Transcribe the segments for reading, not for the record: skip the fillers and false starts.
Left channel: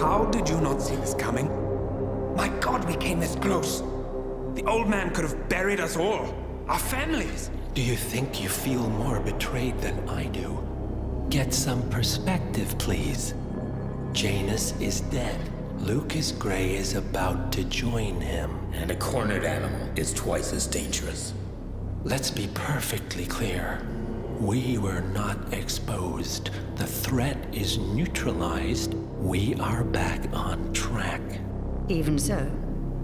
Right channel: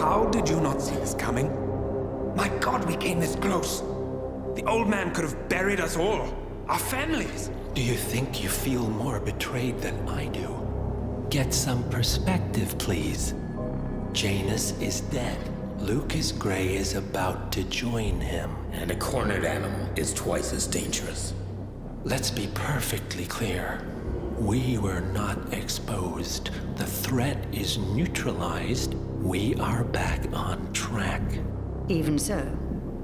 How did you not see this coming? My God, we came this close. The old man could have buried us all. Our families. Do you think you feel more betrayed than I do? Get some perspective, please. Janus is dead. Lucas Gray is about to join him. And a cornered animal is twice as dangerous. Let's be perfectly clear. We were not exposed. The threat is neutralized. We are back on track. Even so,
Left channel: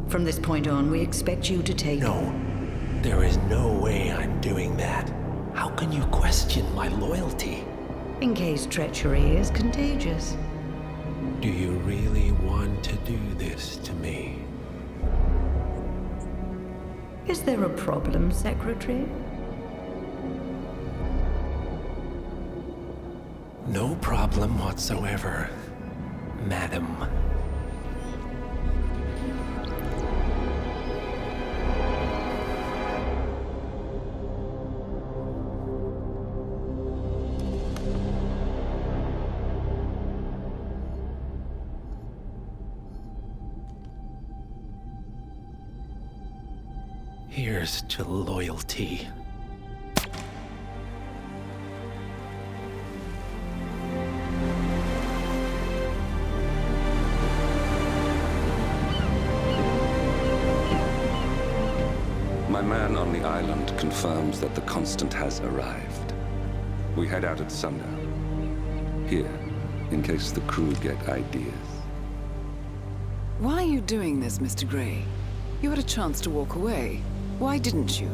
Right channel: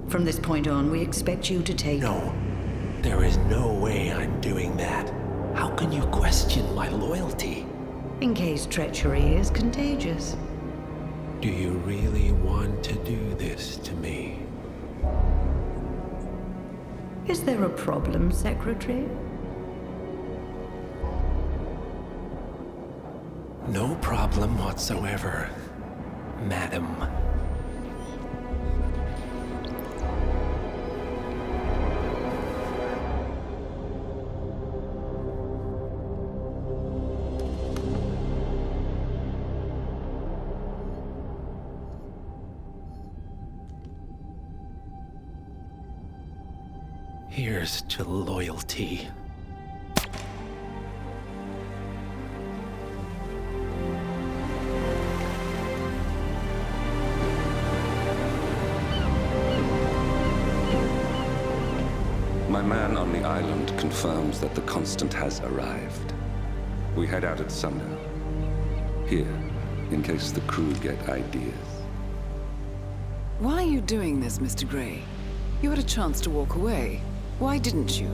from this point on, we expect you to take... No, there is no way I'm doing that. How can you question my loyalty? In case treachery is contagious. Do you really want to do this to me? Is there a problem, Secretary? No problem whatsoever, Madam. Here's to loyalty. My man on the island confirms that the Constant has arrived. We head out at sundown. Here, in case the crew get ideas. Why are you doing this, Mr. Gray? You had a chance to walk away. Why didn't you?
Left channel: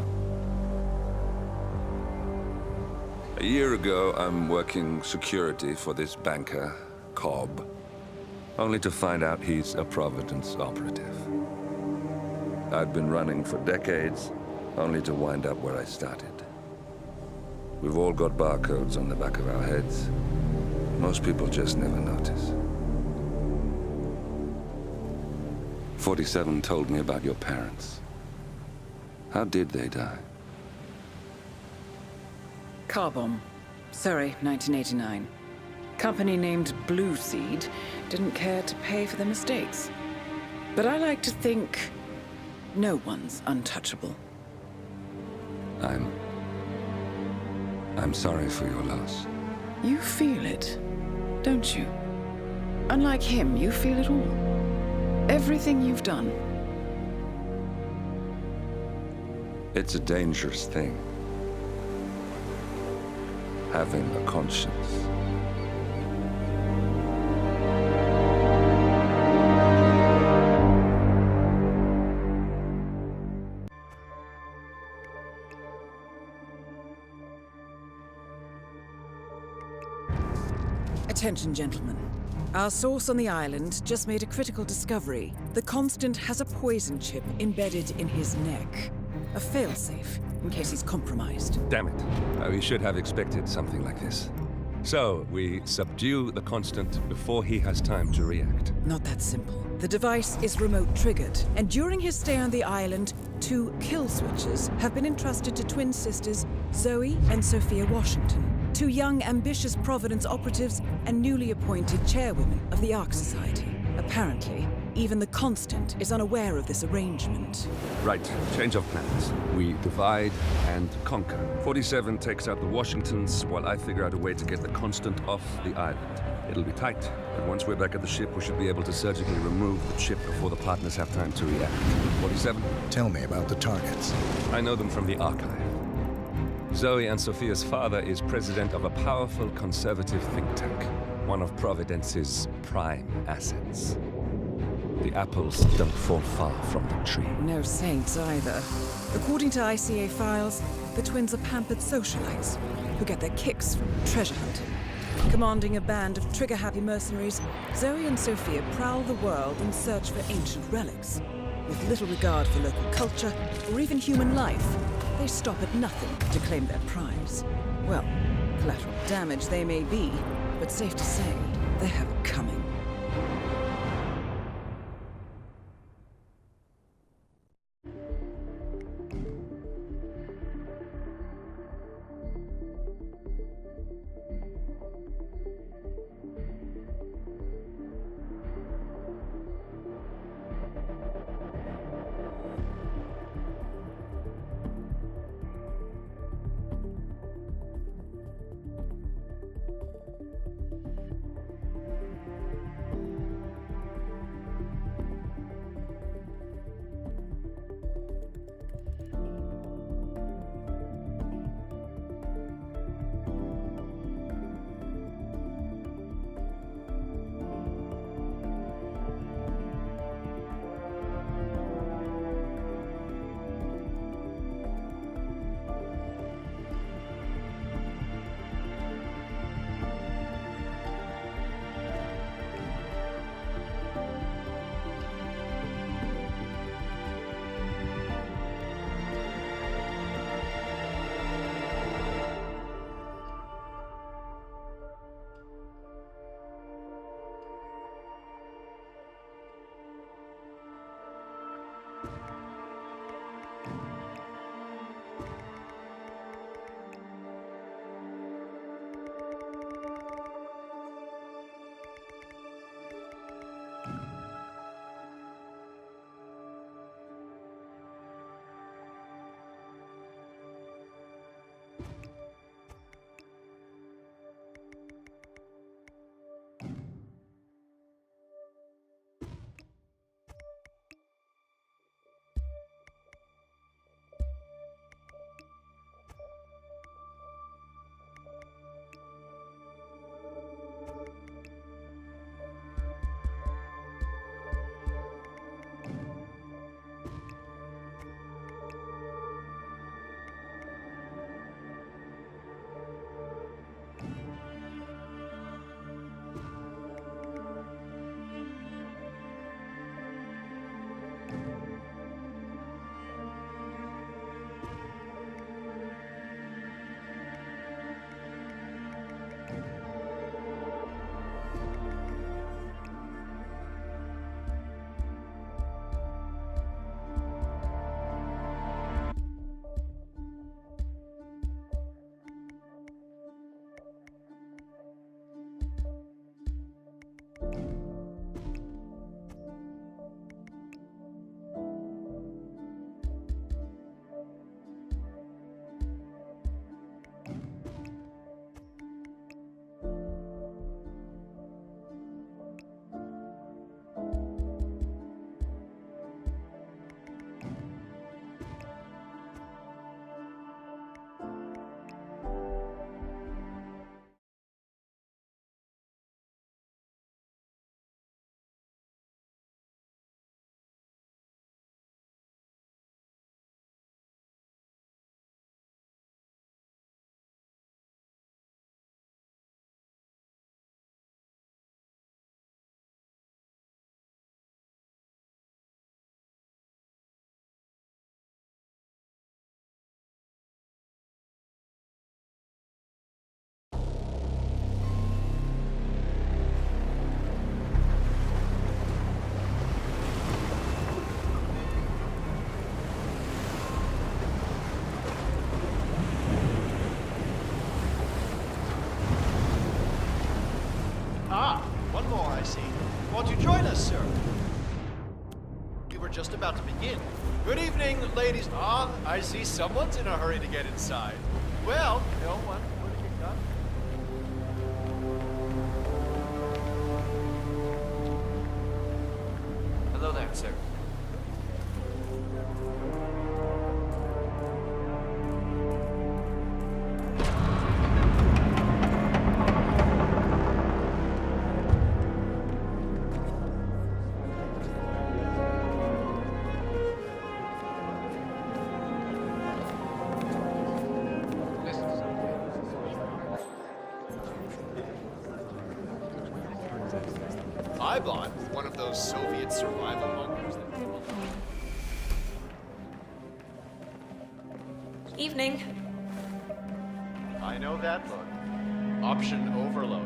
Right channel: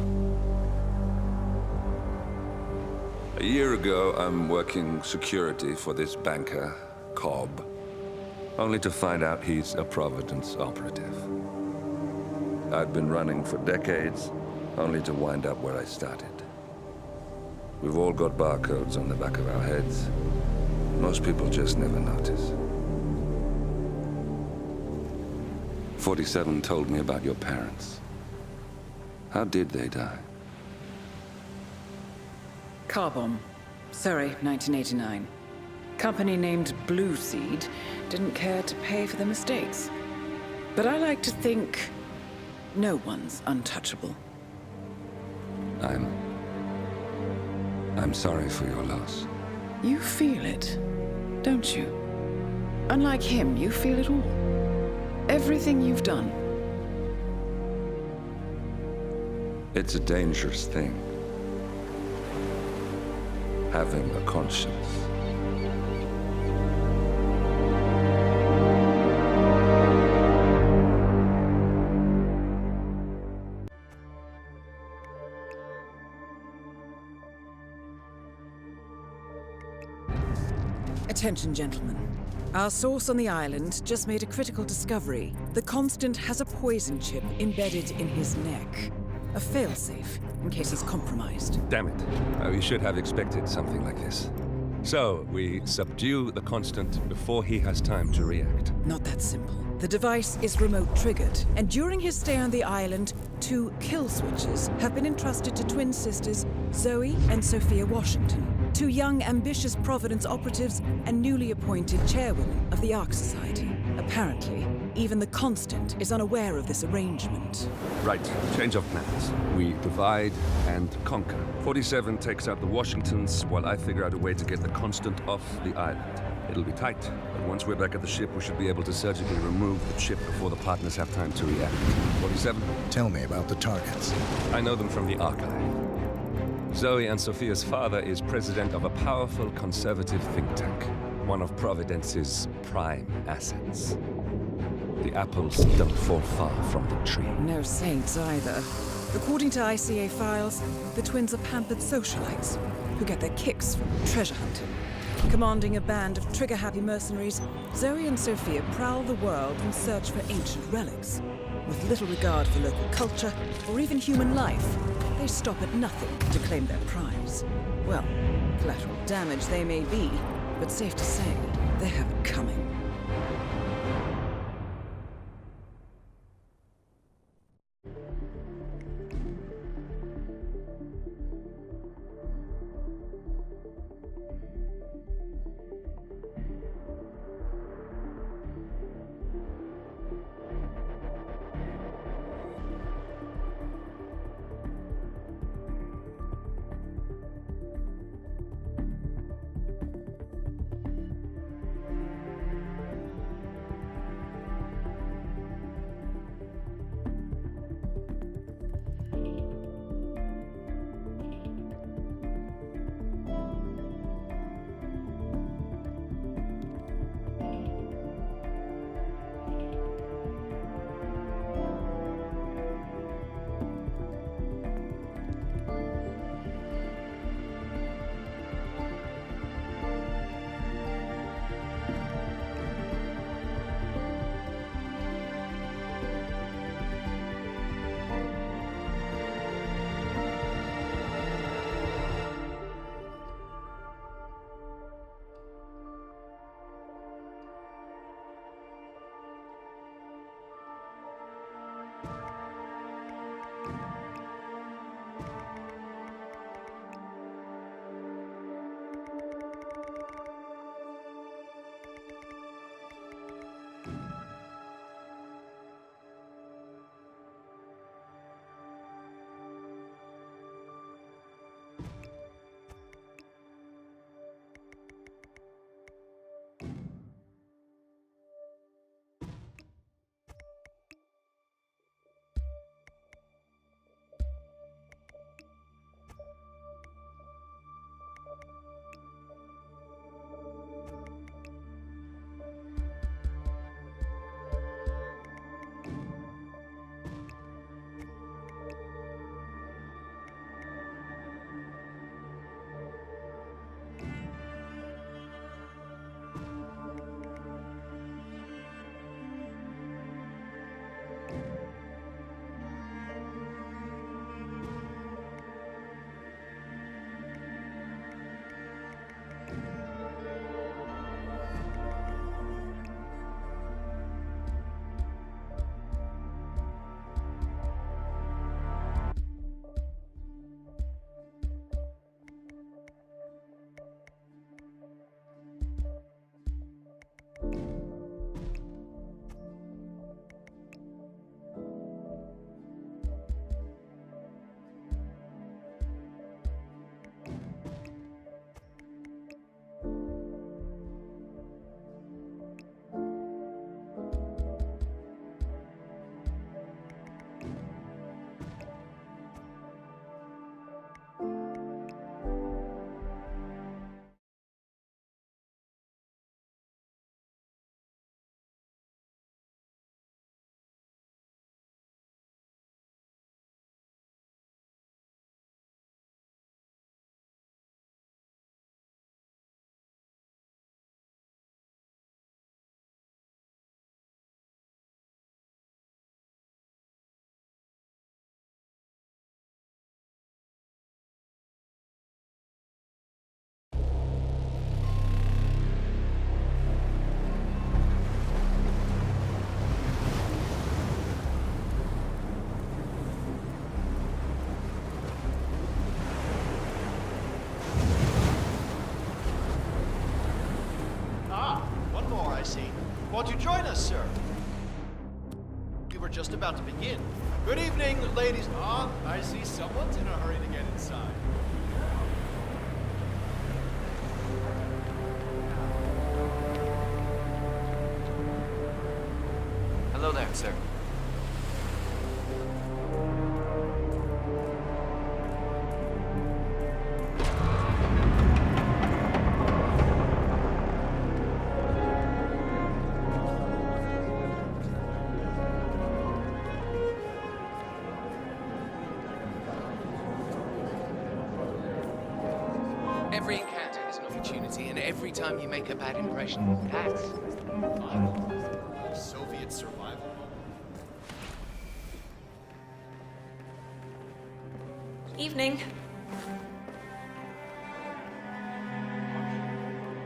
A year ago, I'm working security for this banker, Cobb, only to find out he's a Providence operative. I'd been running for decades, only to wind up where I started. We've all got barcodes on the back of our heads. Most people just never notice. 47 told me about your parents. How did they die? Car bomb. Surrey, 1989. Company named Blue Seed didn't care to pay for their mistakes. But I like to think no one's untouchable. I'm sorry for your loss. You feel it, don't you? Unlike him, you feel it all. Everything you've done. It's a dangerous thing. Having a conscience. Attention, gentlemen. Our source on the island just made a critical discovery. The Constant has a poison chip embedded in his neck. A failsafe, in case he's compromised. Damn it. We should have expected something like this. So, we subdue the Constant before he has time to react. Not that simple. The device is remote-triggered, and during his stay on the island, 2 kill switches have been entrusted to twin sisters Zoe and Sophia Washington, 2 young, ambitious Providence operatives and newly appointed chairwomen of the Ark Society. Apparently, even the Constant is unaware of this arrangement. Right, change of plans. We divide and conquer. 47 takes out the Washingtons, while I figure out a way to get the Constant off the island. It'll be tight, but once we're back at the ship, we should be able to surgically remove the chip before the partners have time to react. 47? Tell me about the targets. I know them from the archive. Zoe and Sophia's father is president of a powerful conservative think tank, one of Providence's prime assets. The apples don't fall far from the tree. No saints either. According to ICA files, the twins are pampered socialites who get their kicks from treasure hunting. Commanding a band of trigger-happy mercenaries, Zoe and Sophia prowl the world in search for ancient relics. With little regard for local culture or even human life, they stop at nothing to claim their prize. Well, collateral damage they may be, but safe to say, they have it coming. I see. Won't you join us, sir? We were just about to begin. Good evening, ladies. Ah, I see someone's in a hurry to get inside. Well, you know what? Hello there, sir. Every encounter is an opportunity, and every time you make a bad impression, it counts. I bought one of those Soviet survival bunkers. Evening. I know that look. Option overload.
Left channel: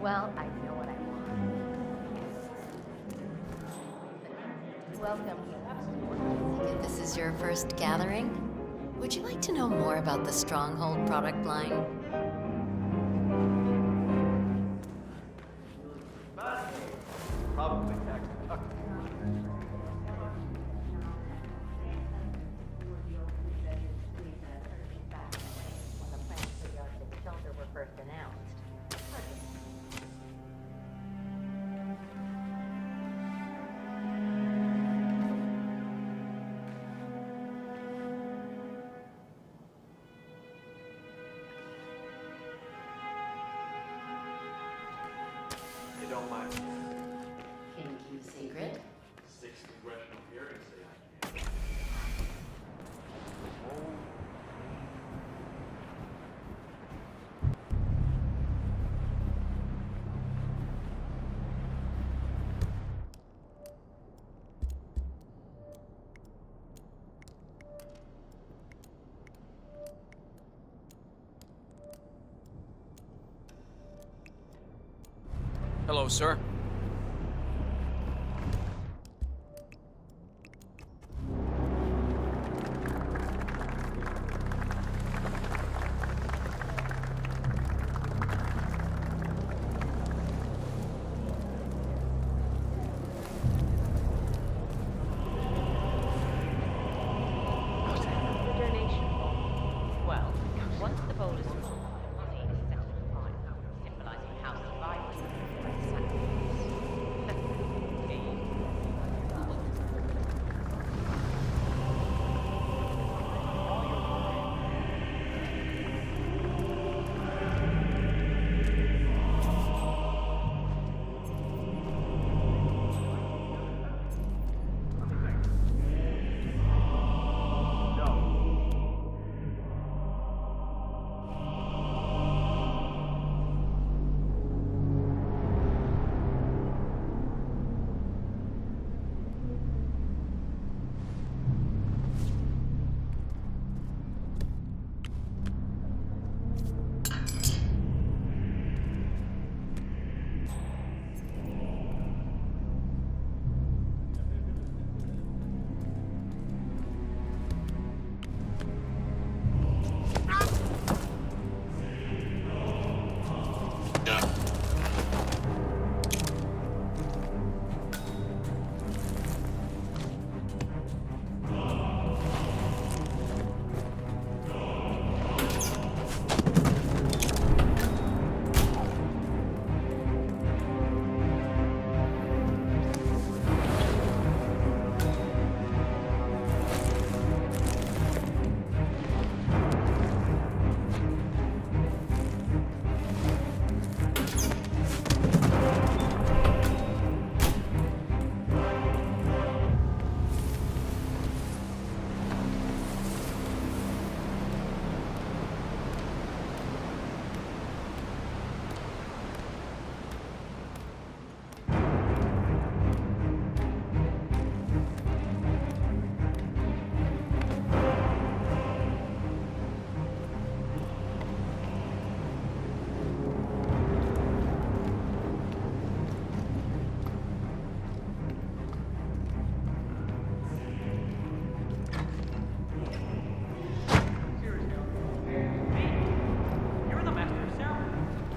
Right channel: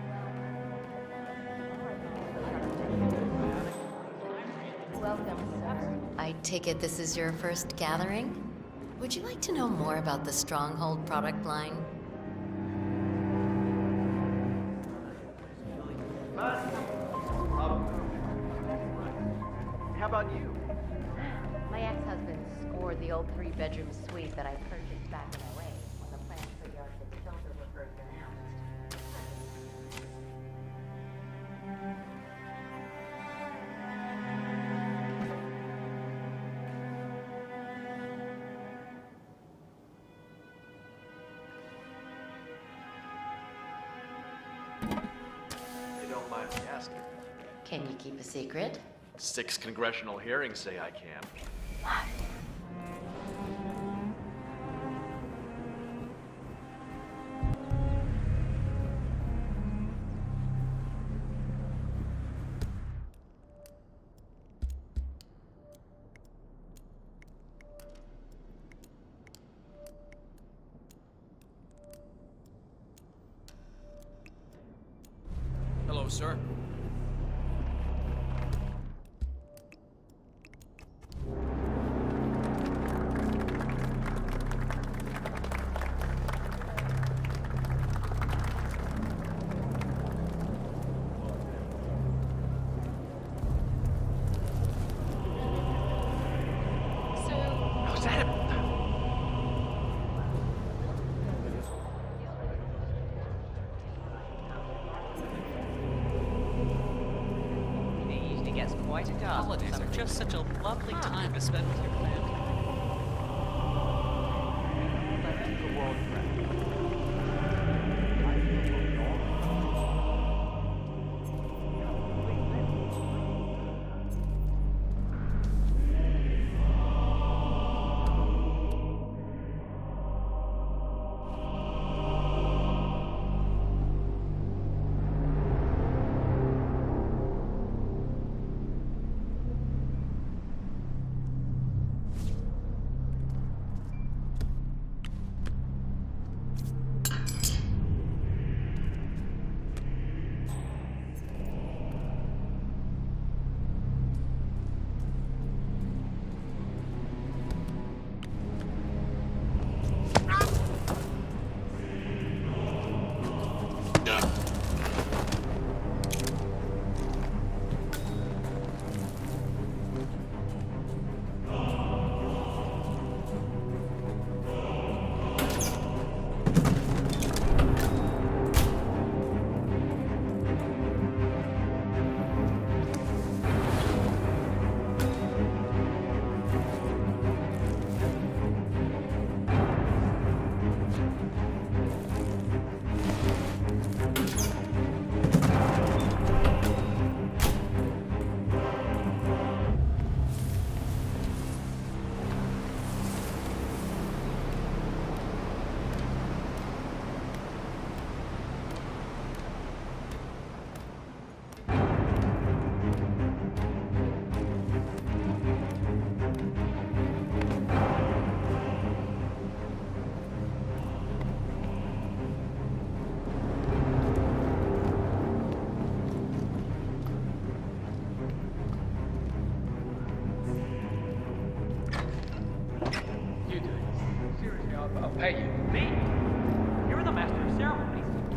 Well, welcome. I take it this is your first gathering? Would you like to know more about the Stronghold product line? Probably. How about you? My ex-husband scored the old three-bedroom suite that I purchased back in LA when the plans for the Arctic shelter were first announced. You don't mind me asking. Can you keep a secret? 6 congressional hearings say I can. Hello, sir. Was that a... He gets quite a holidays are just such a lovely time to spend with your family.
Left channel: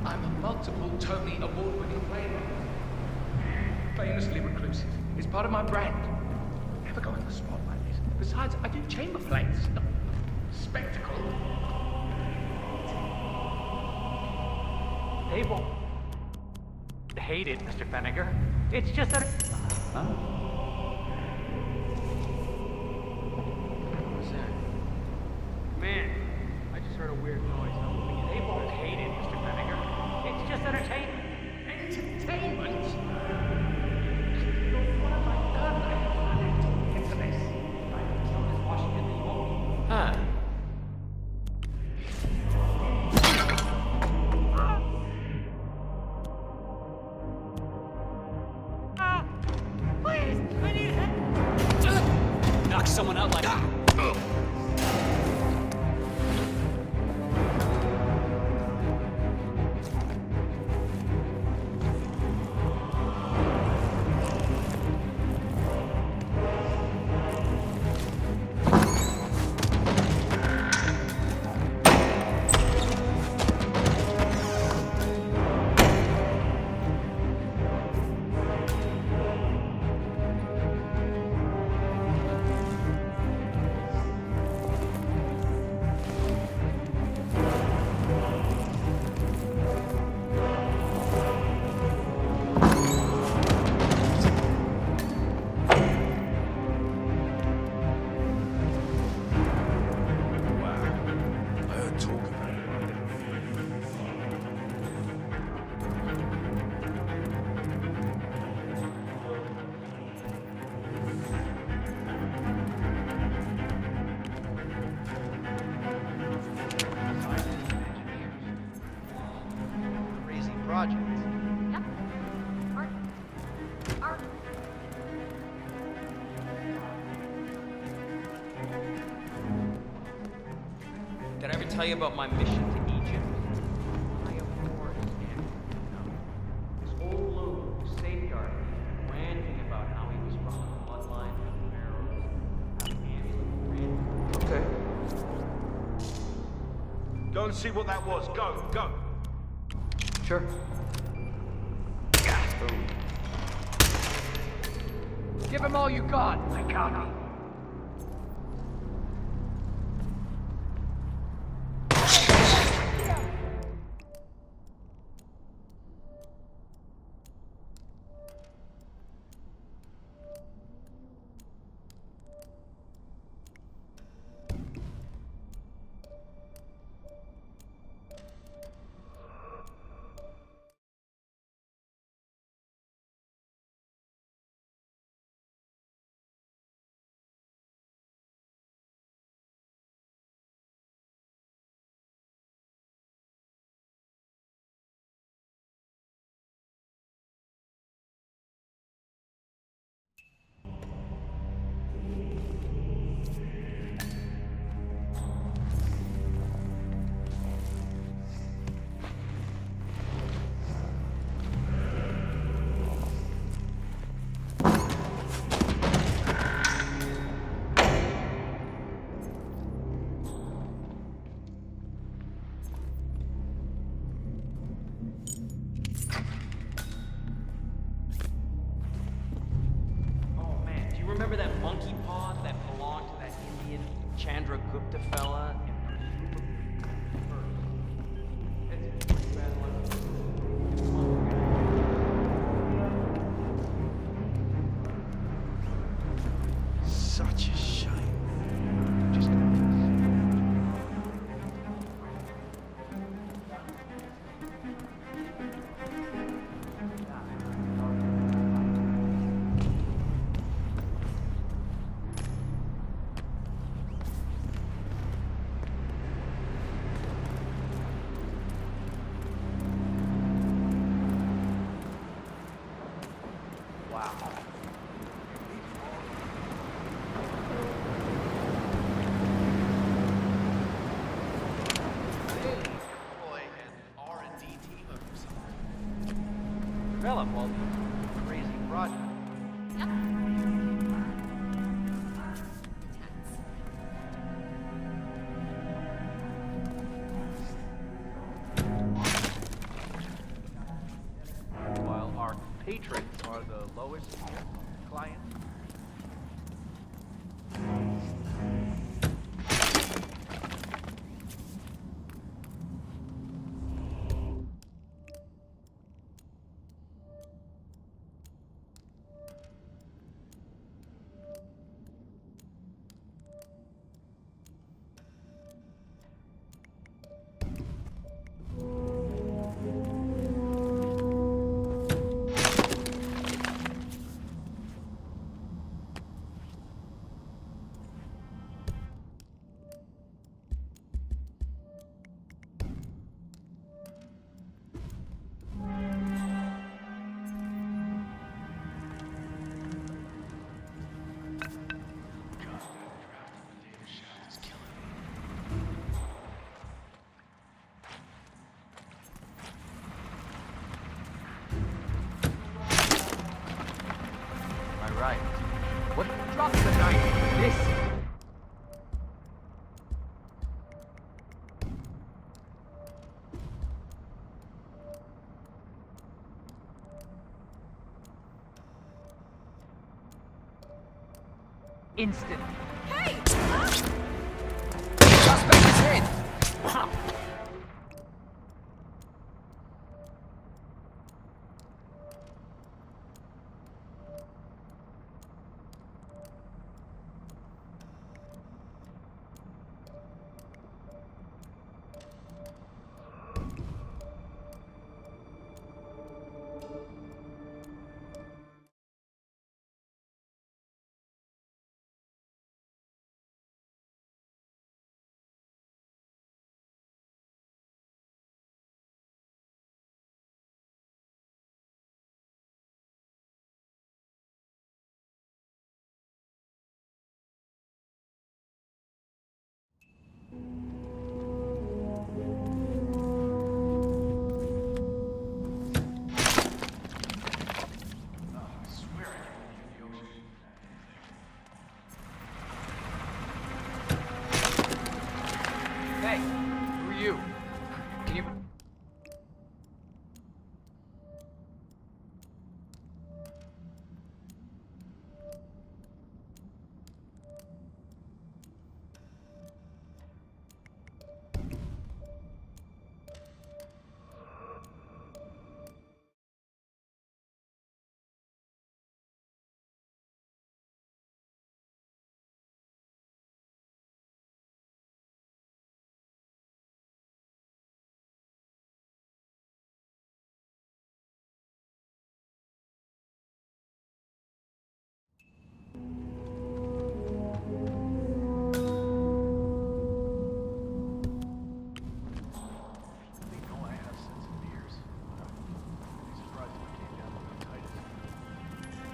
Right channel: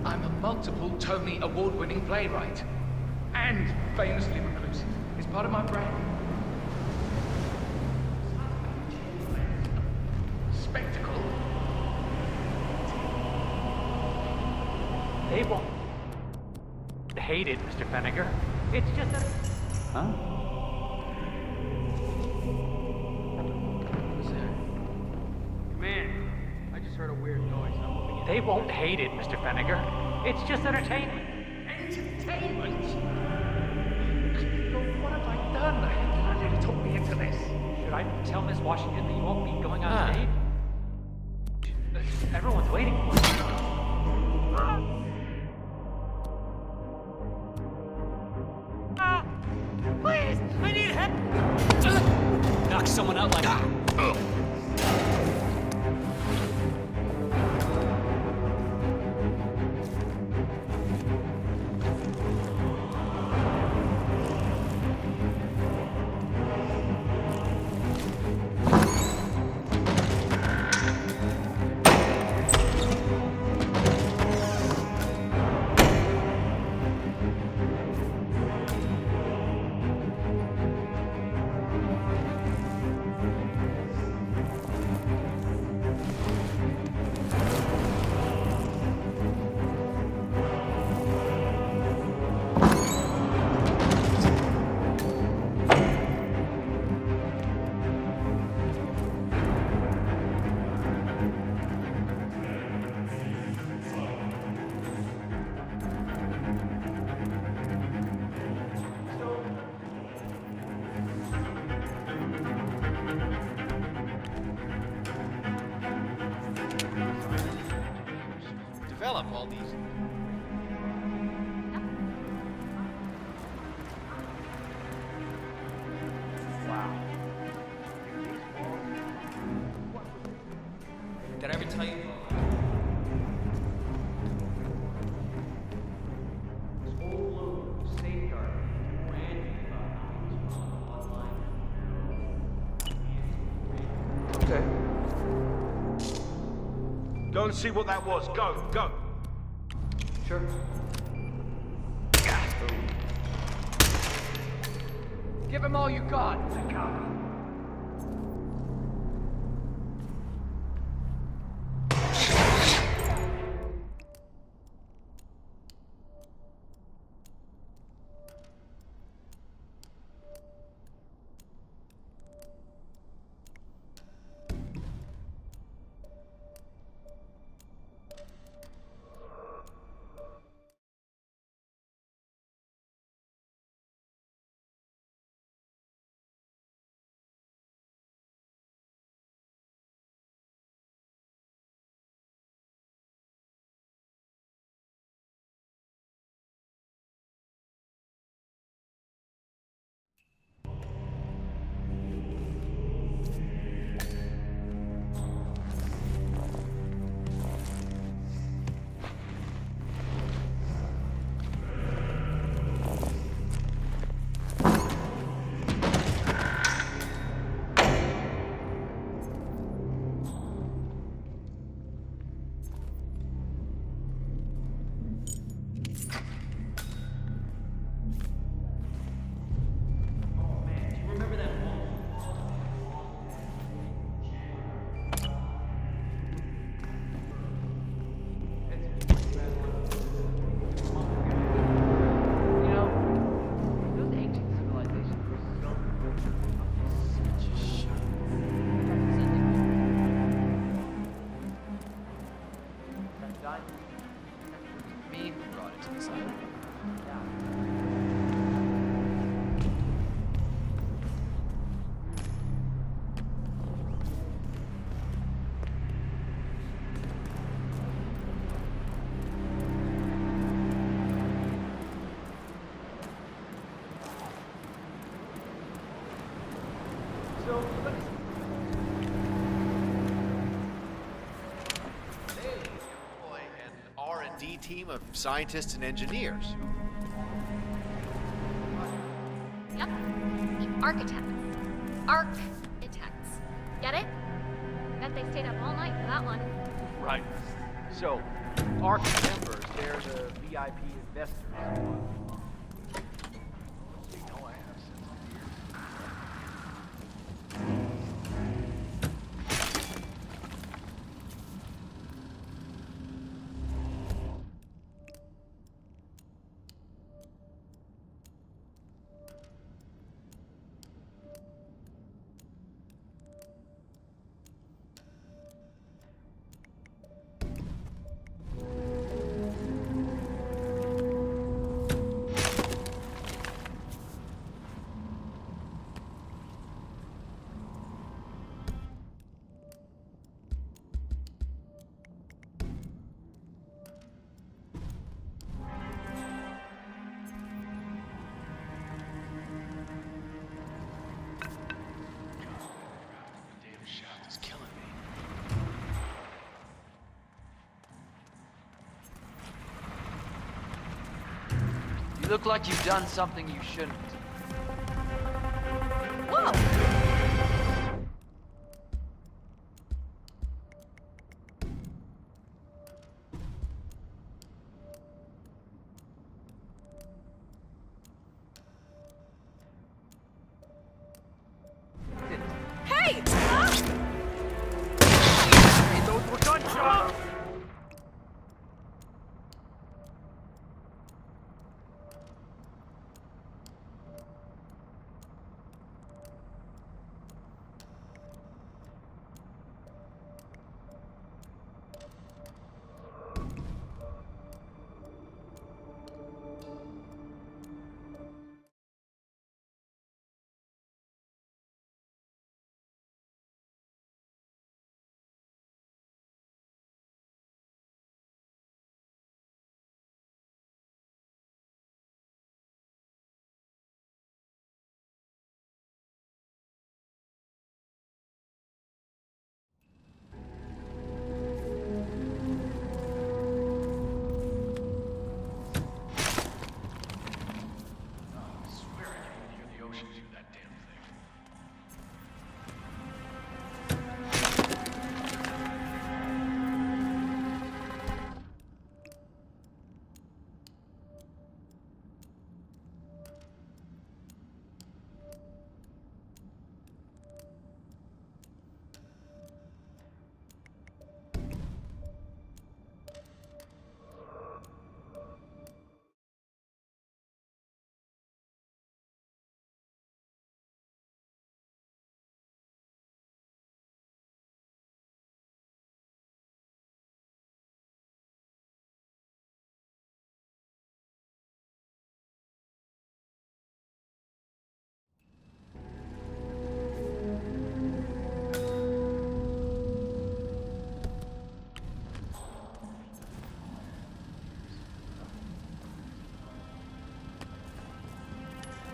I'm a multiple Tony Award-winning playwright. and famously reclusive. It's part of my brand. Never got into sport. Besides, I do chamber plays. Spectacle. They won't hate it, Mr. Fenniger. It's just that... Huh? Who's there? Man, I just heard a weird noise. I'm moving in. They won't hate it, Mr. Fenniger. It's just entertainment. Entertainment? Look, what have I done? They told me into this. Should I tell Miss Washington that you won't be going on a date? Everyone's waiting. Please! I need help! Knock someone out like that. Develop all these crazy projects. Yep. Ark. Wow. Did I ever tell you about my mission to Egypt? This old loon was safeguarding me and ranting about how he was from the bloodline of the pharaohs. Okay. Go and see what that was. Go, go. Sure. Give him all you got. I copy. Remember that monkey paw that belonged to that idiot Chandra Gupta fella? It's a pretty bad one. Monkey guy. You know, doesn't hate to people like this. Such a shame. Just... Me? Team of scientists and engineers. Develop all these crazy projects. Yep. Architects. Architects. Get it? Bet they stayed up all night for that one. Right. So, Ark members, they're the VIP investors, while our patrons are look like you've done something you shouldn't. Am I right? What? Instant. Hey!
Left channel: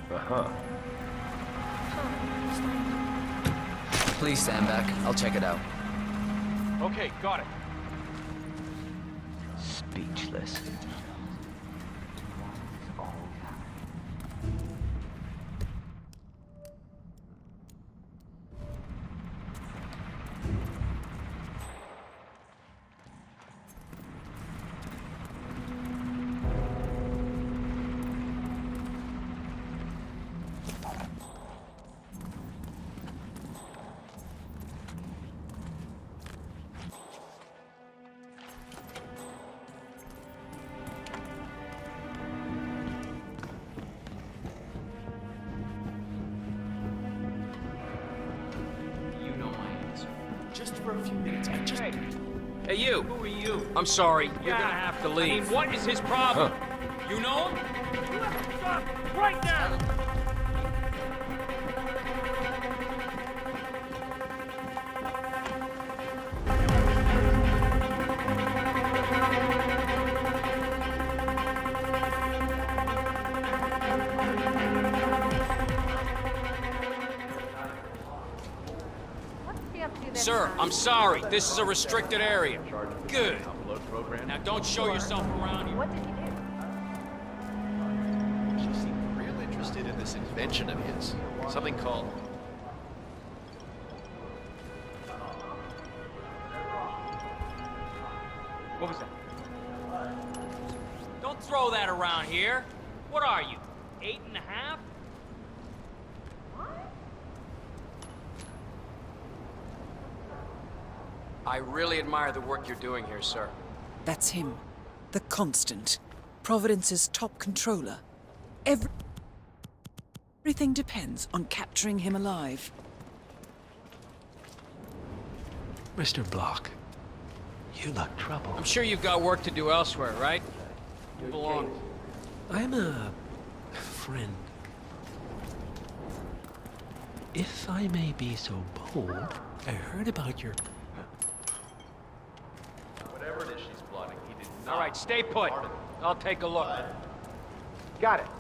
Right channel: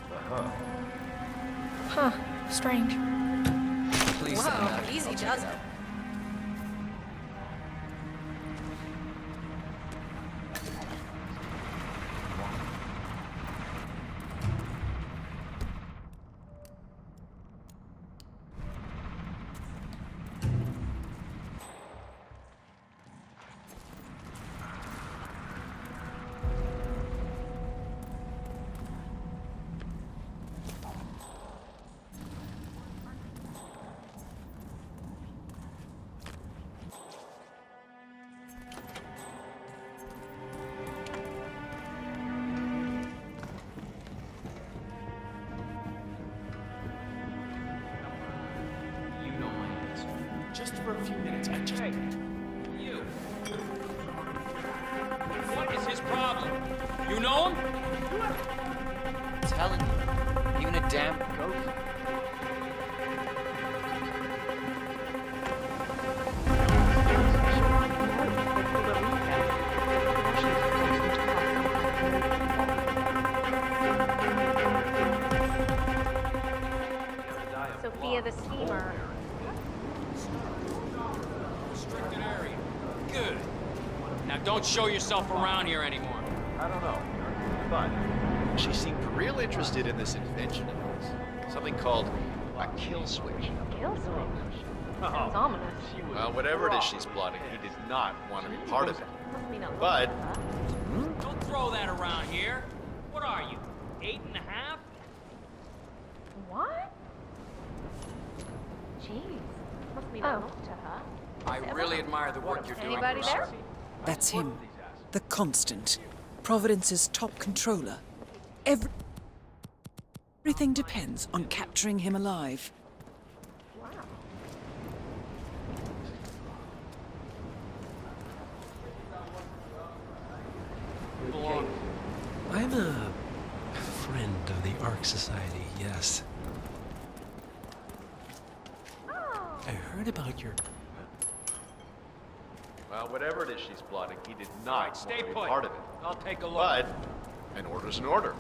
Uh-huh. Huh. Strange. Please stand back. I'll check it out. Okay, got it. Speechless. Just for a few minutes. Hey, you. Who are you? I'm sorry. You're gonna have to leave. What is his problem? You know him? You have to stop right now! Telling you. Even a damn Sophia the steamer. What's the up to this? Sir, I'm sorry. This is a restricted area. Good. Now don't show yourself around here anymore. I don't know. But she seemed real interested in this invention of his. Something called a kill switch. Kill switch. Sounds ominous. Well, whatever it is she's plotting, he did not want to be part of it. But Don't throw that around here. What are you, 8.5? What? Jeez. Oh. I really admire the work you're doing here, sir. That's him. The Constant. Providence's top controller. Everything depends on capturing him alive. Mr. Block, you look troubled. I'm sure you've got work to do elsewhere, right? Move along. I'm a friend of the Ark Society, yes. If I may be so bold, I heard about your... well, whatever it is she's plotting, he did not All right, stay want to be put. part of it. I'll take a look. But an order's an order.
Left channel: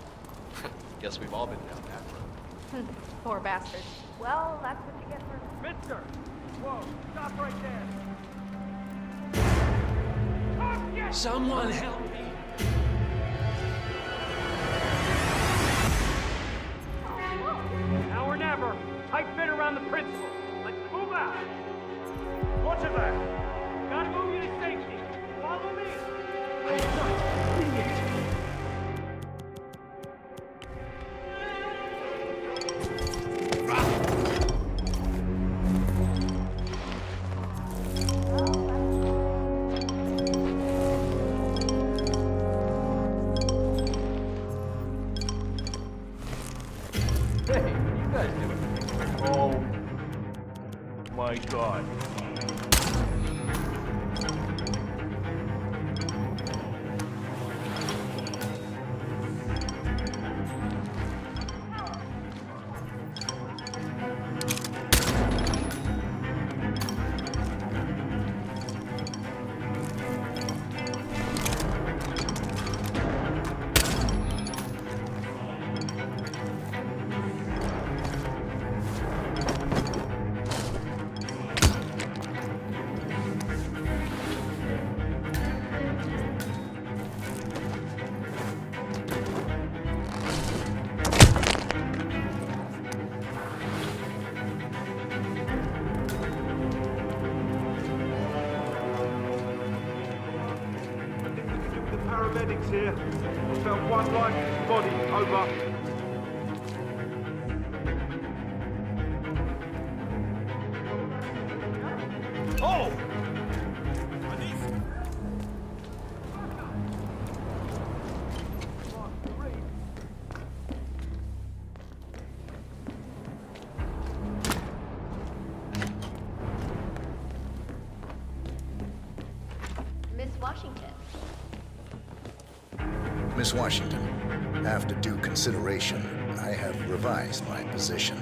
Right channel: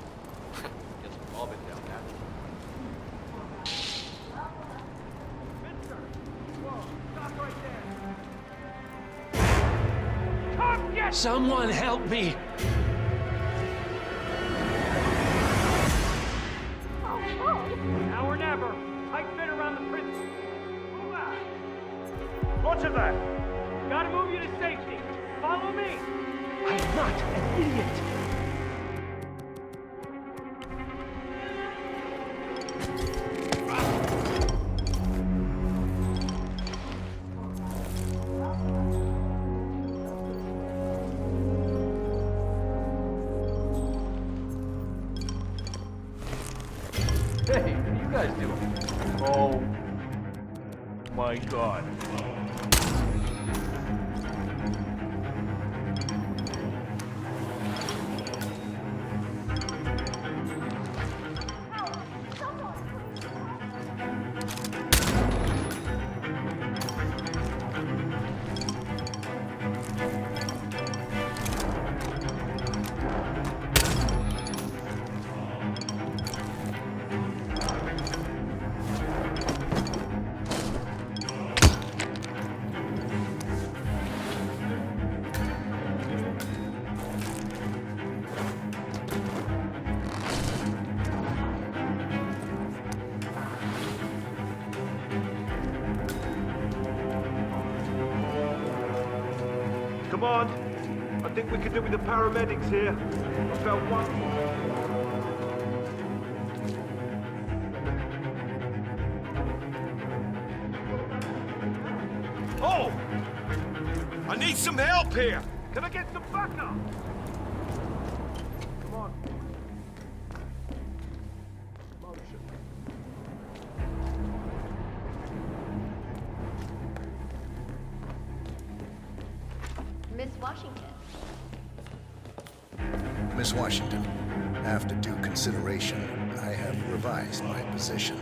Guess we've all been down that road. Poor bastard. Well, that's what we get for... Mister! Whoa, stop right there! Come get... Someone help me! much of that? Gotta move you to safety. Follow me. I'm not an idiot. Hey, what are you guys doing? Oh my God. I think we could do with the paramedics here. I found one lifeless body. Over. Oh! I need some help here! Can I get some backup? Come on, hurry. Miss Washington. Miss Washington, after due consideration, I have revised my position.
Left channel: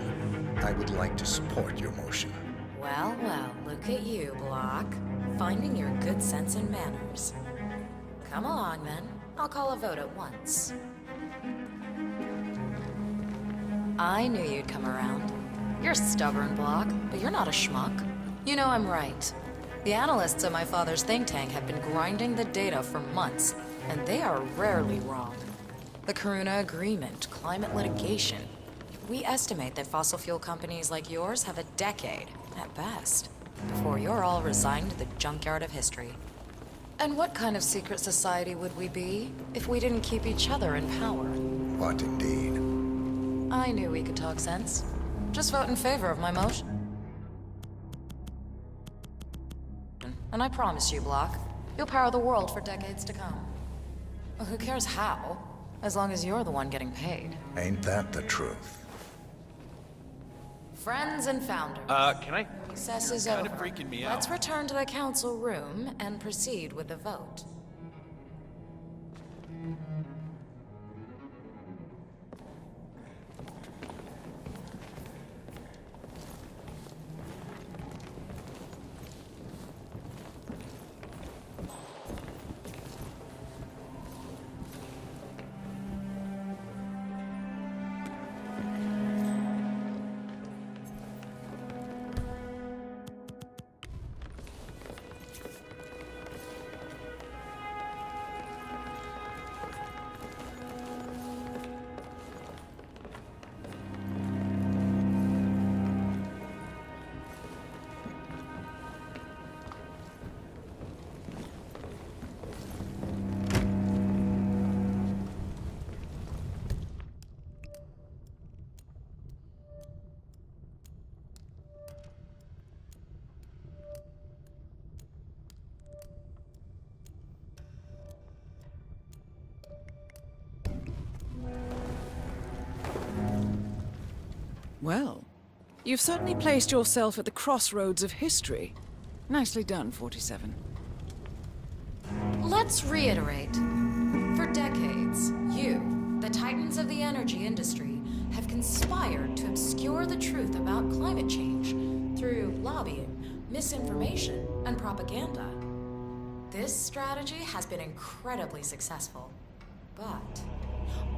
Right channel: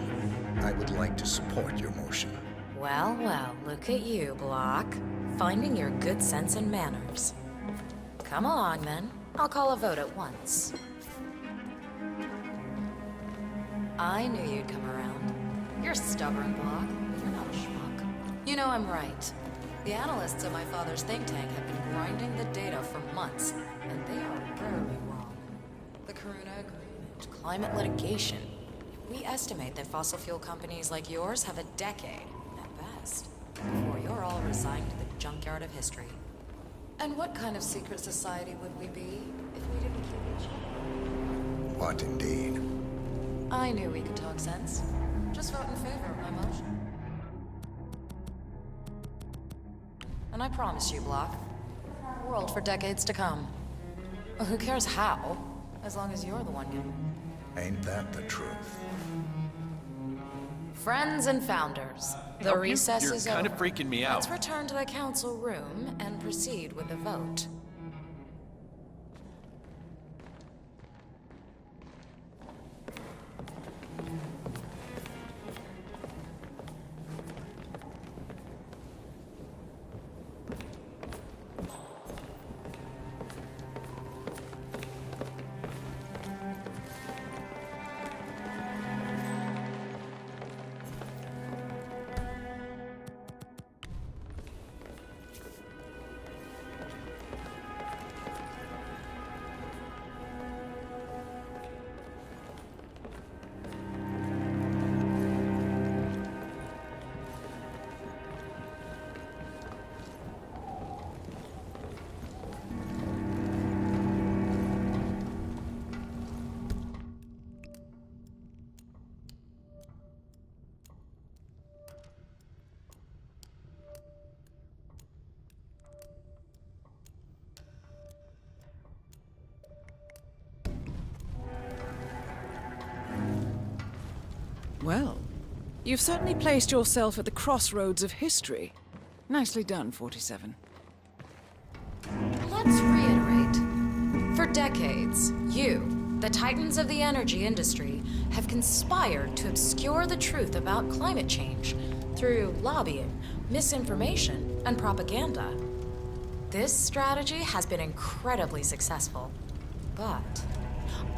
I would like to support your motion. Well, well, look at you, Block. Finding your good sense and manners. Come along, then. I'll call a vote at once. I knew you'd come around. You're stubborn, Block, but you're not a schmuck. You know I'm right. The analysts at my father's think tank have been grinding the data for months, and they are rarely wrong. The Karuna Agreement, climate litigation. We estimate that fossil fuel companies like yours have a decade, at best, before you're all resigned to the junkyard of history. And what kind of secret society would we be if we didn't keep each other in power? What indeed? I knew we could talk sense. Just vote in favor of my motion. And I promise you, Block, you'll power the world for decades to come. Well, who cares how, as long as you're the one getting paid. Ain't that the truth? Friends and founders, can I the help you? recess You're is kind over. of freaking me out. Let's return to the council room and proceed with the vote. Well, you've certainly placed yourself at the crossroads of history. Nicely done, 47. Let's reiterate. For decades, you, the titans of the energy industry, have conspired to obscure the truth about climate change through lobbying, misinformation, and propaganda. This strategy has been incredibly successful. But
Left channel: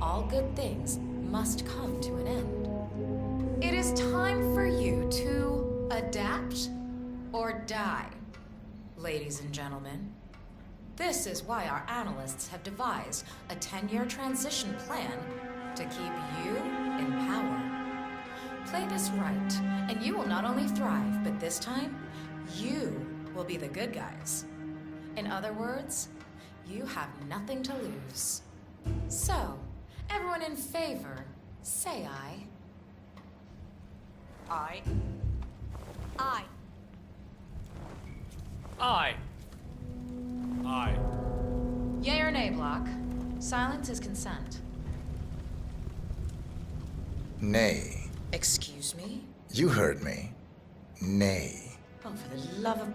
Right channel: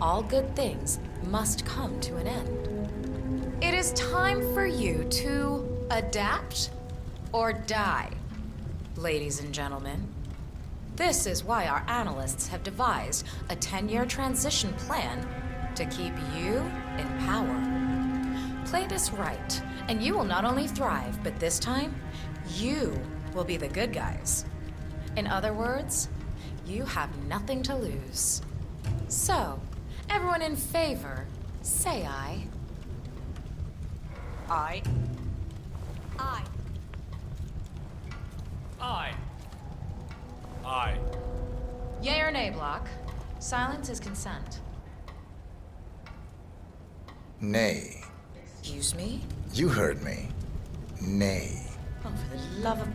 all good things must come to an end. It is time for you to adapt or die, ladies and gentlemen. This is why our analysts have devised a 10-year transition plan to keep you in power. Play this right, and you will not only thrive, but this time, you will be the good guys. In other words, you have nothing to lose. So, everyone in favor, say aye. Aye. Aye. Aye. Aye. Yay or nay, Block? Silence is consent. Nay. Excuse me? You heard me. Nay. Oh, for the love of...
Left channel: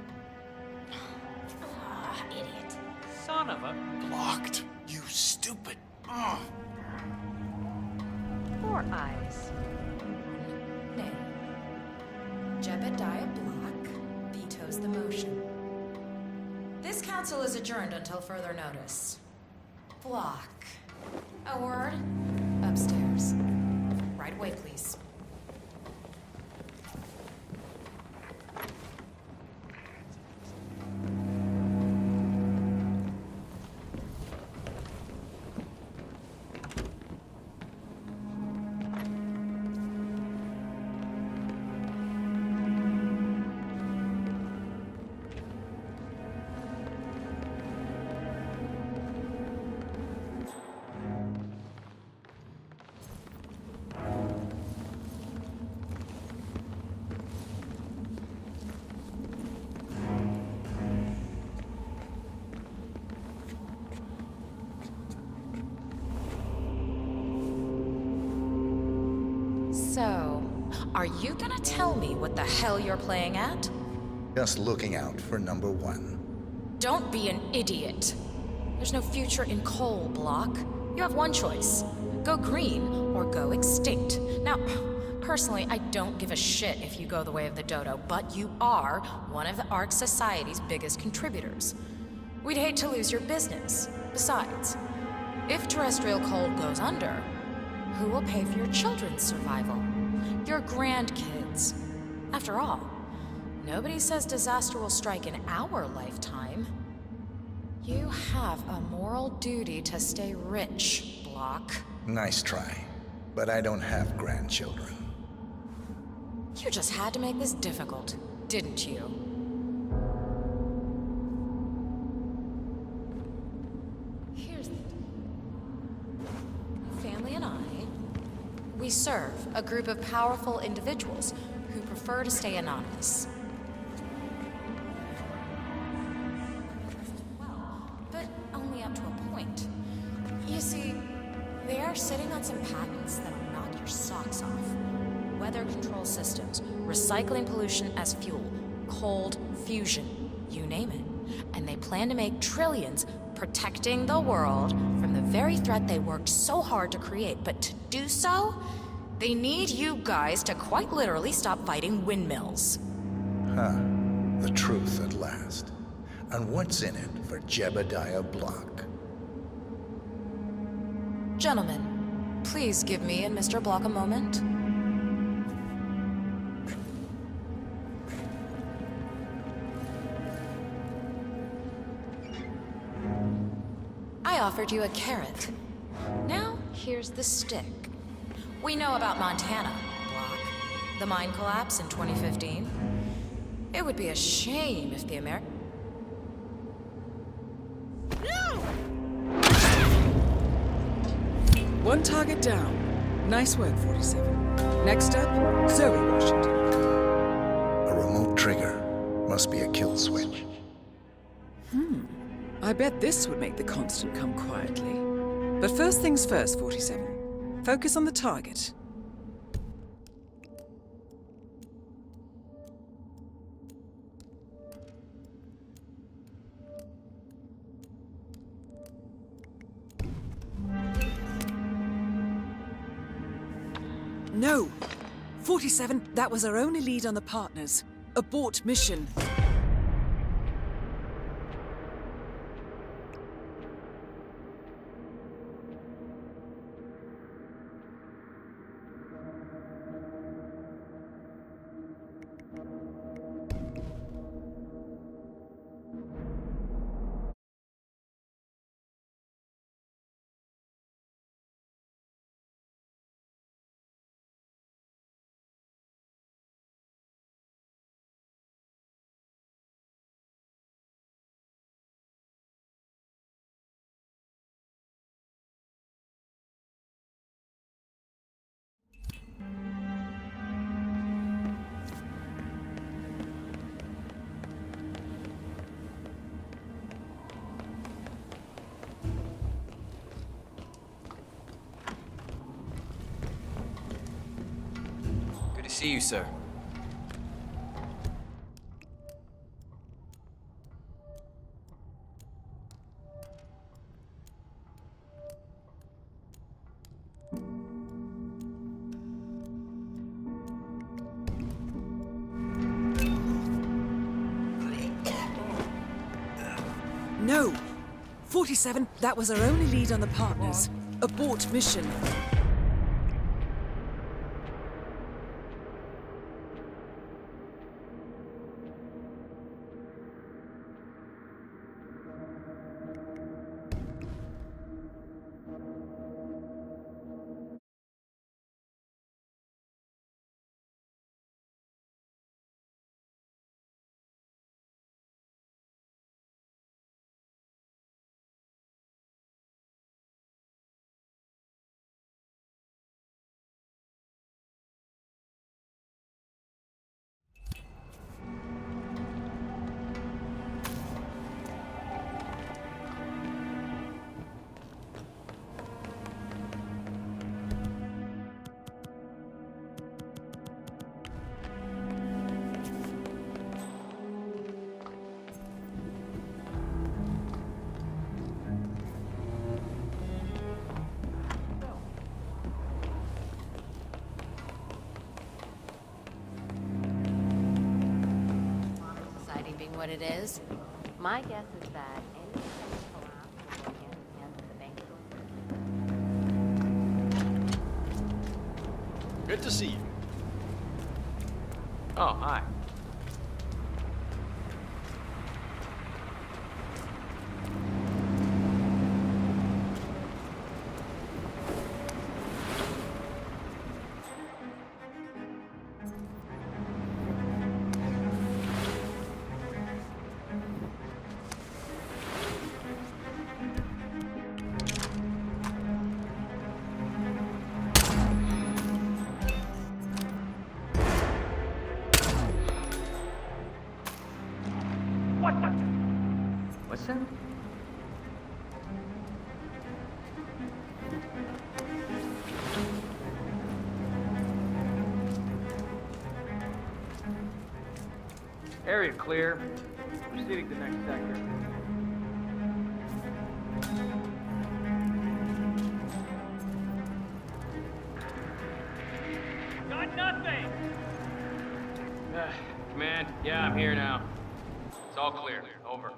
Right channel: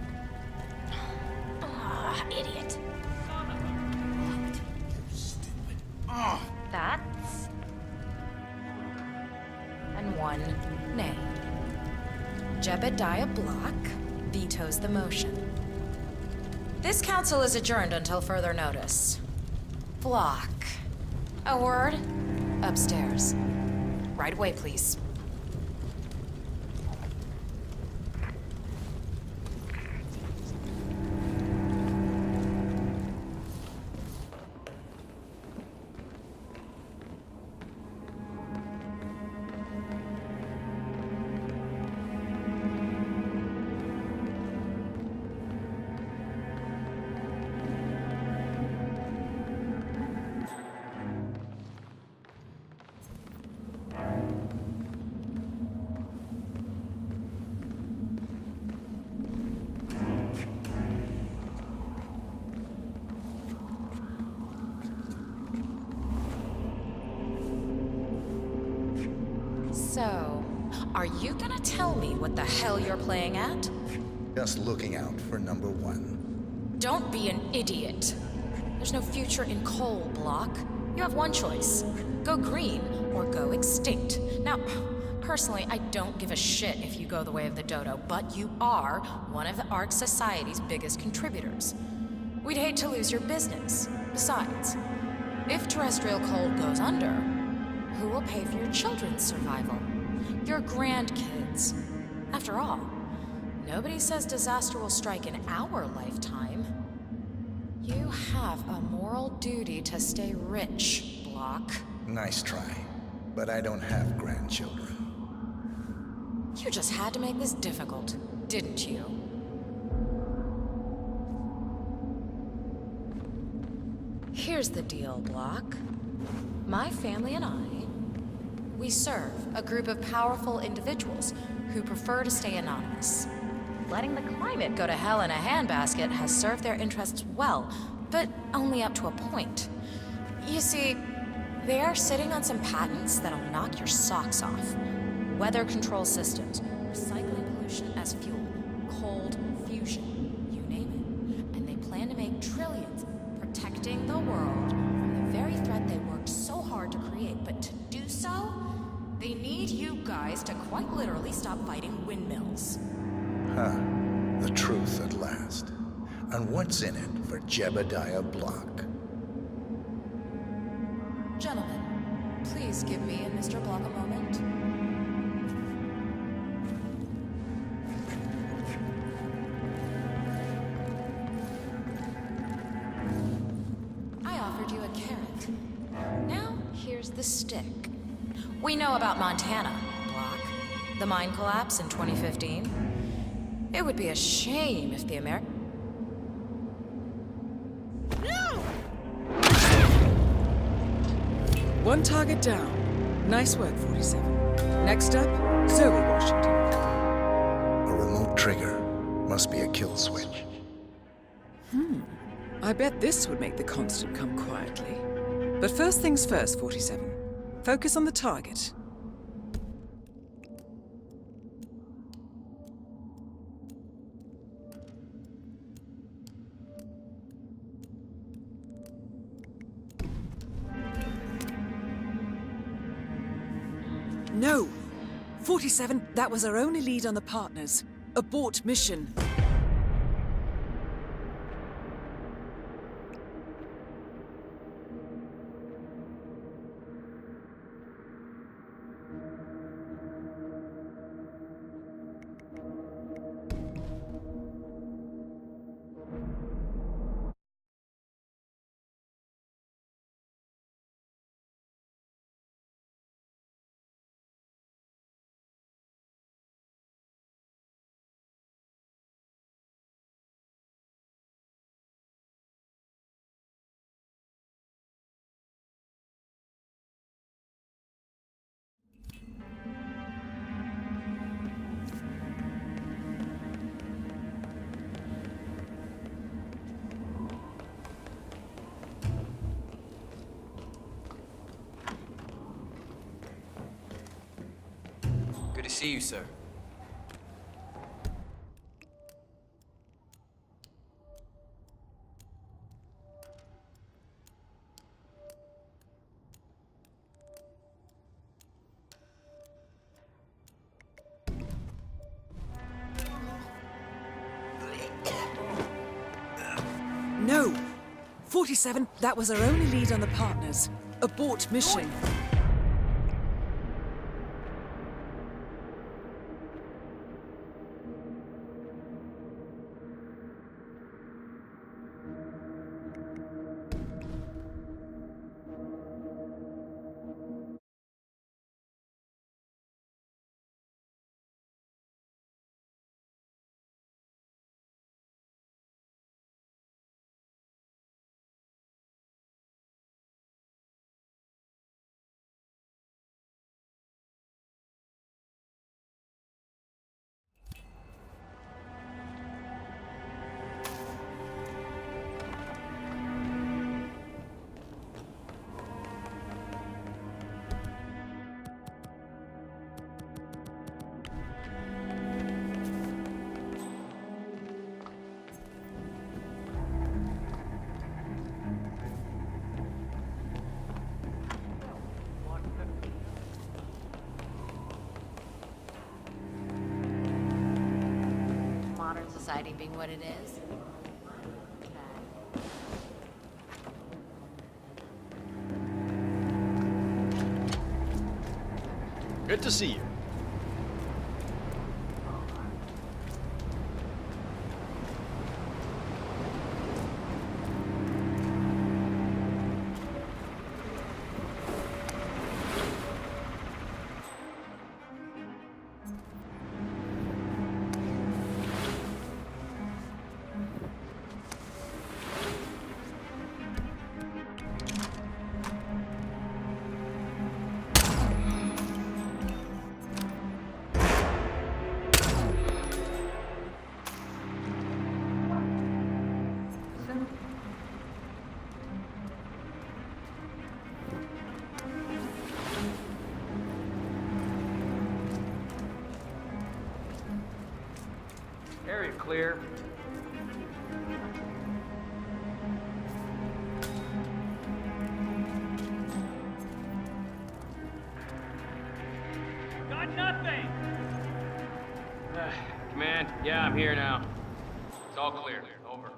Ah, idiot. Son of a... Locked. You stupid. That's 4 ayes. And 1 nay. Jebediah Block vetoes the motion. This council is adjourned until further notice. Block. A word? Upstairs. Right away, please. So, are you gonna tell me what the hell you're playing at? Just looking out for number 1. Don't be an idiot. There's no future in coal, Block. You have one choice. Go green or go extinct. Now, personally, I don't give a shit if you go the way of the dodo, but you are one of the Ark Society's biggest contributors. We'd hate to lose your business. Besides, if terrestrial coal goes under, who will pay for your children's survival? Your grandkids. After all, nobody says disaster will strike in our lifetime. You have a moral duty to stay rich, Block. Nice try. But I don't have grandchildren. You just had to make this difficult, didn't you? Here's the deal, Block. My family and I, we serve a group of powerful individuals who prefer to stay anonymous. Letting the climate go to hell in a handbasket has served their interests well, but only up to a point. You see, they are sitting on some patents that'll knock your socks off. Weather control systems, recycling pollution as fuel, cold fusion, you name it. And they plan to make trillions protecting the world from the very threat they worked so hard to create. But to do so, they need you guys to quite literally stop fighting windmills. Huh. The truth at last. And what's in it for Jebediah Block? Gentlemen, please give me and Mr. Block a moment. I offered you a carrot. Now, here's the stick. We know about Montana, Block. The mine collapse in 2015. It would be a shame if the One target down. Nice work, 47. Next up, Zoe Washington. A remote trigger. Must be a kill switch. I bet this would make the Constant come quietly. But first things first, 47. Focus on the target. No! 47, that was our only lead on the partners. Abort mission. See you, sir. No! 47, that was our only lead on the partners. Abort mission. Modern society being what it is, my guess is that Good to see you. Oh, hi. What's that? Area clear. Proceeding to next sector. Got nothing! Command, yeah, I'm here now. It's all clear. Over.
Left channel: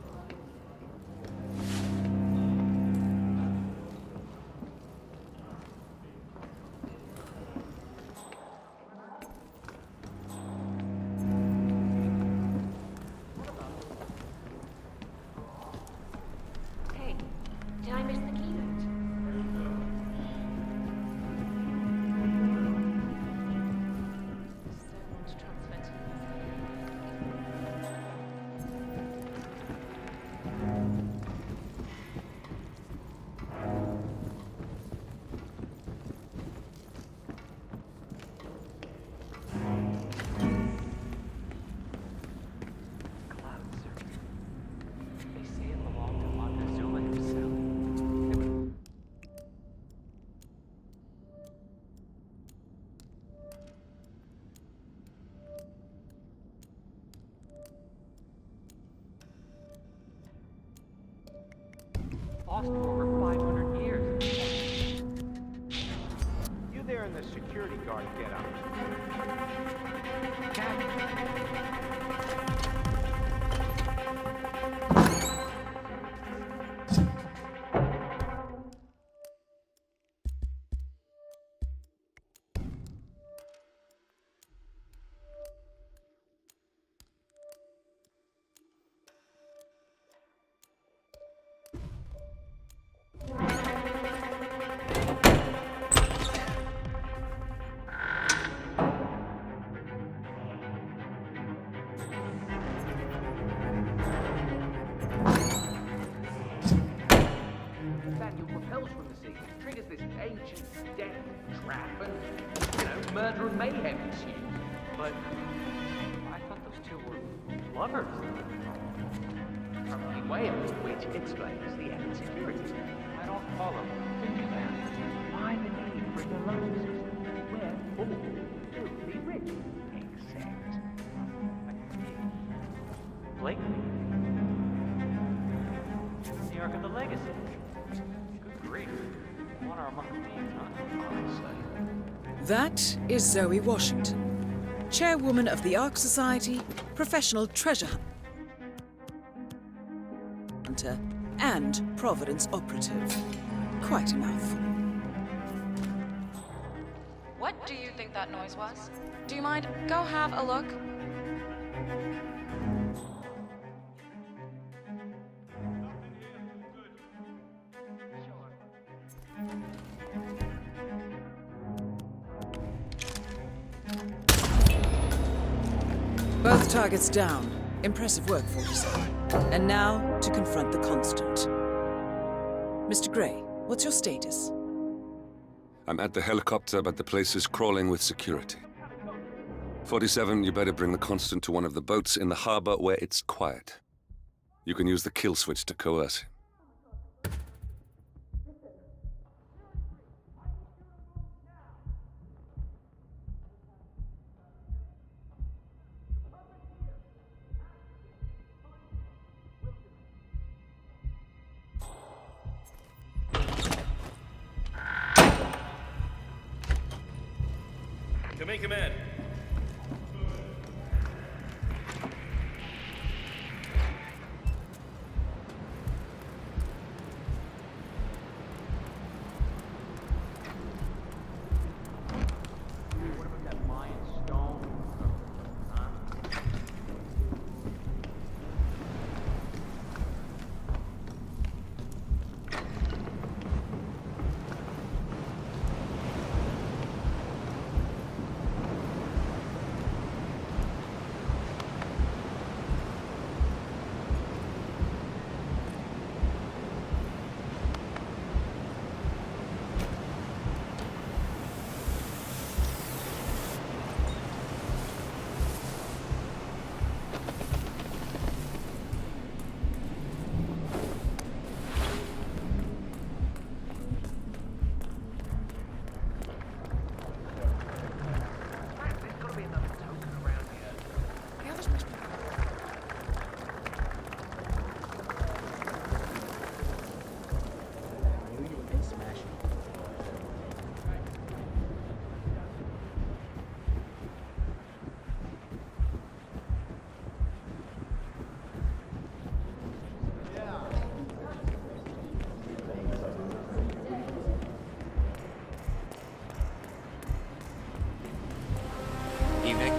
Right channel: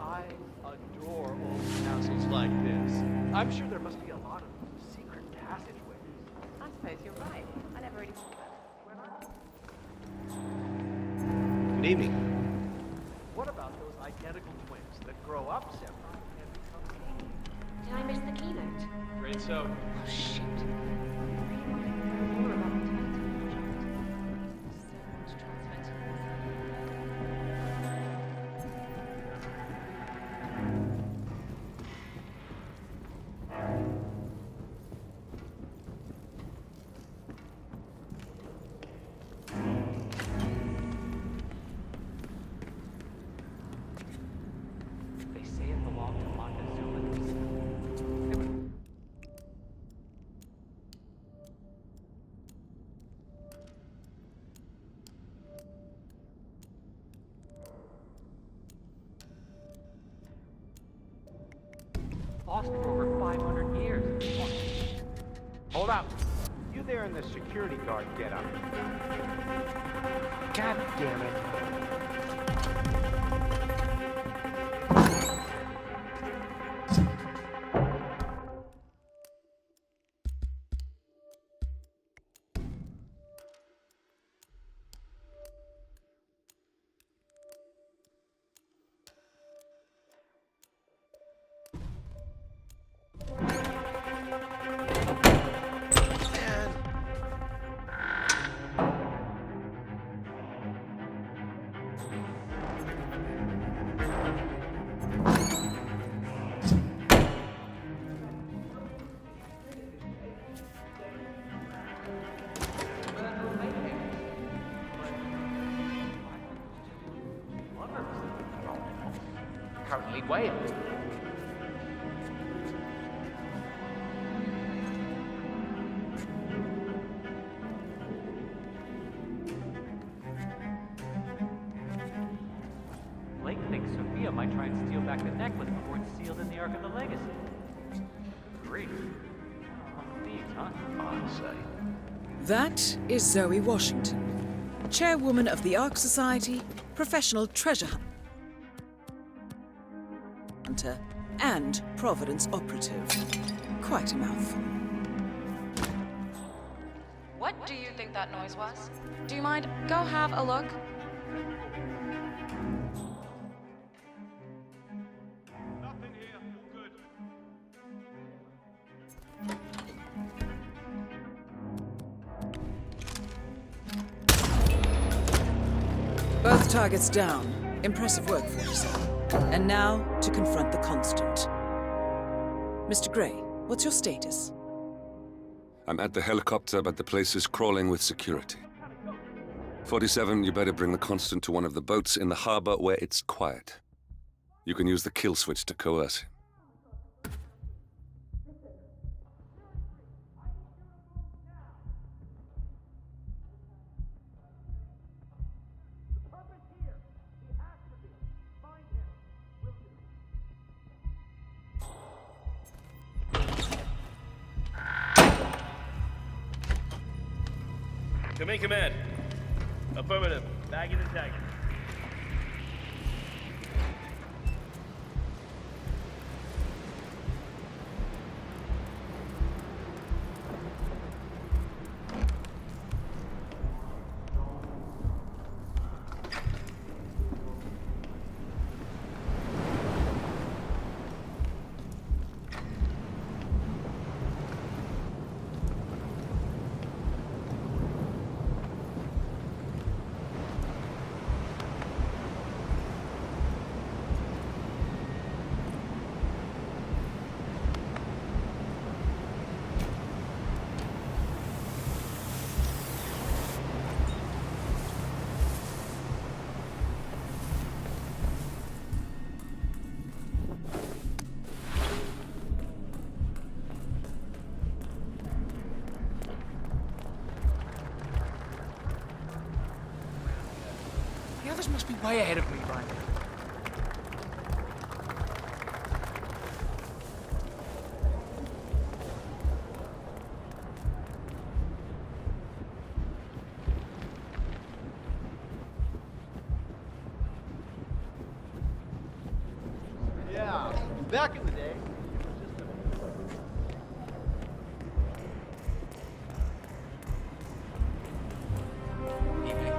I adore old castles like this. I'm sure there must be a lot of secret passageways. I suppose you're right. I never even thought Good evening. What about those identical twins that grow up separate? Hey, did I miss the keynote? Great so. Oh, shit. They say it belonged to Montezuma himself. They would lost for over 500 years. Hold up. You there in the security guard getup. God damn it. Murder and mayhem ensued. But I thought those two were lovers. probably way up to the security. I don't follow. Blake thinks Sophia might try and steal back the necklace before it's sealed in the Ark of the Legacy. Good grief. Honor among thieves, huh? On site. That is Zoe Washington, chairwoman of the Ark Society, professional treasure hunter, and Providence operative. Quite a mouthful. What do you think that noise was? Do you mind? Go have a look. Both targets down. Impressive work, 47. And now, to confront the Constant. Mr. Gray, what's your status? I'm at the helicopter, but the place is crawling with security. 47, you better bring the Constant to one of the boats in the harbor where it's quiet. You can use the kill switch to coerce him. Come in, command. Affirmative. Bagging and tagging. The others must be way ahead of me. Yeah, back in the day. Evening.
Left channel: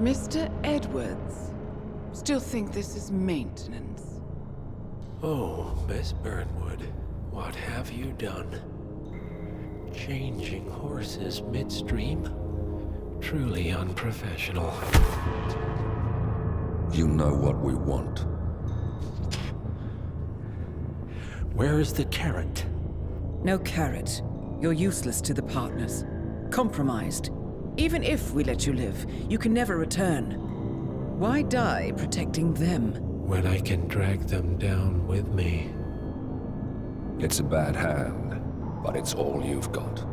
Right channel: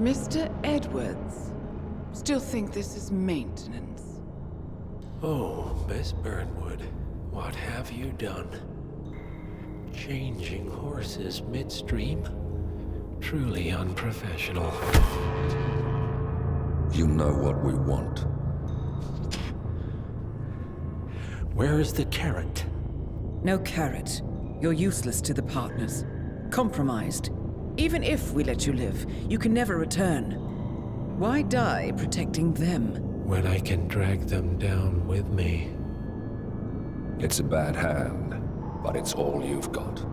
Mr. Edwards, still think this is maintenance? Oh, Miss Burnwood, what have you done? Changing horses midstream? Truly unprofessional. You know what we want. Where is the carrot? No carrot. You're useless to the partners. Compromised. Even if we let you live, you can never return. Why die protecting them? When I can drag them down with me. It's a bad hand. but it's all you've got.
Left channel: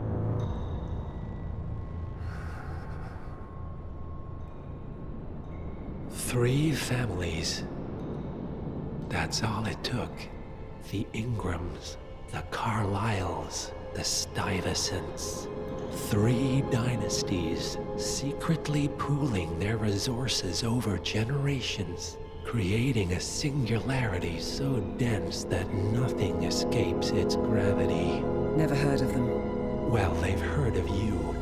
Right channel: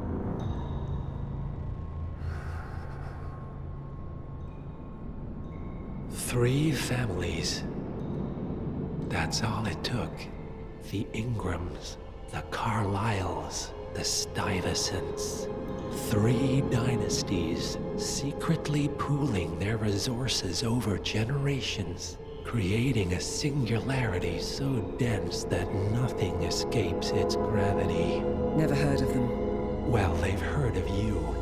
Three families. That's all it took. The Ingrams, the Carlyles, the Stuyvesants. 3 dynasties secretly pooling their resources over generations, creating a singularity so dense that nothing escapes its gravity. Never heard of them. Well, they've heard of you.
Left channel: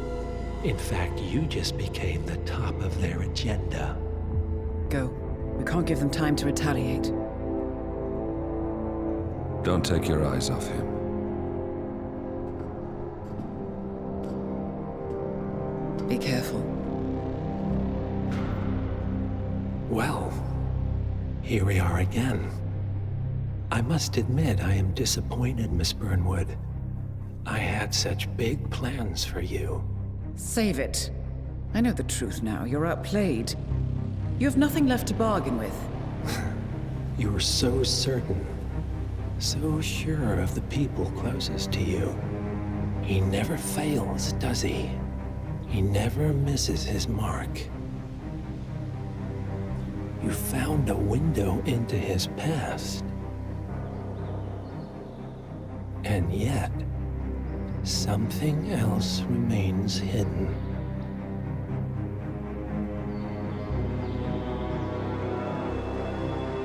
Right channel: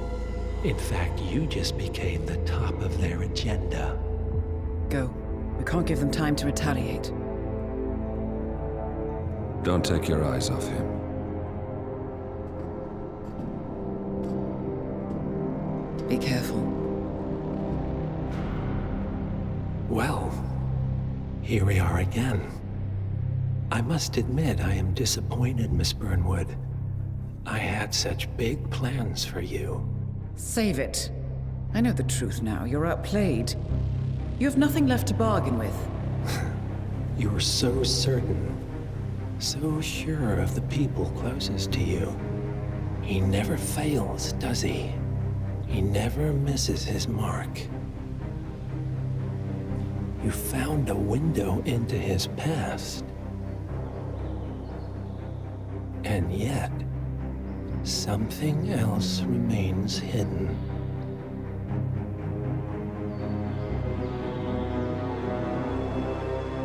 In fact, you just became the top of their agenda. Go. We can't give them time to retaliate. Don't take your eyes off him. Be careful. Well, here we are again. I must admit I am disappointed, Miss Burnwood. I had such big plans for you. Save it. I know the truth now. You're outplayed. You have nothing left to bargain with. You were so certain, so sure of the people closest to you. He never fails, does he? He never misses his mark. You found a window into his past. And yet, something else remains hidden.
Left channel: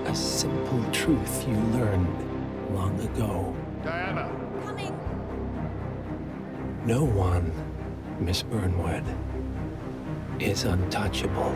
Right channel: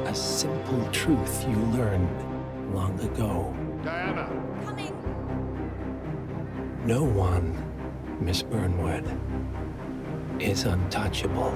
A simple truth you learned long ago. Diana! Coming! No one, Miss Burnwood, is untouchable.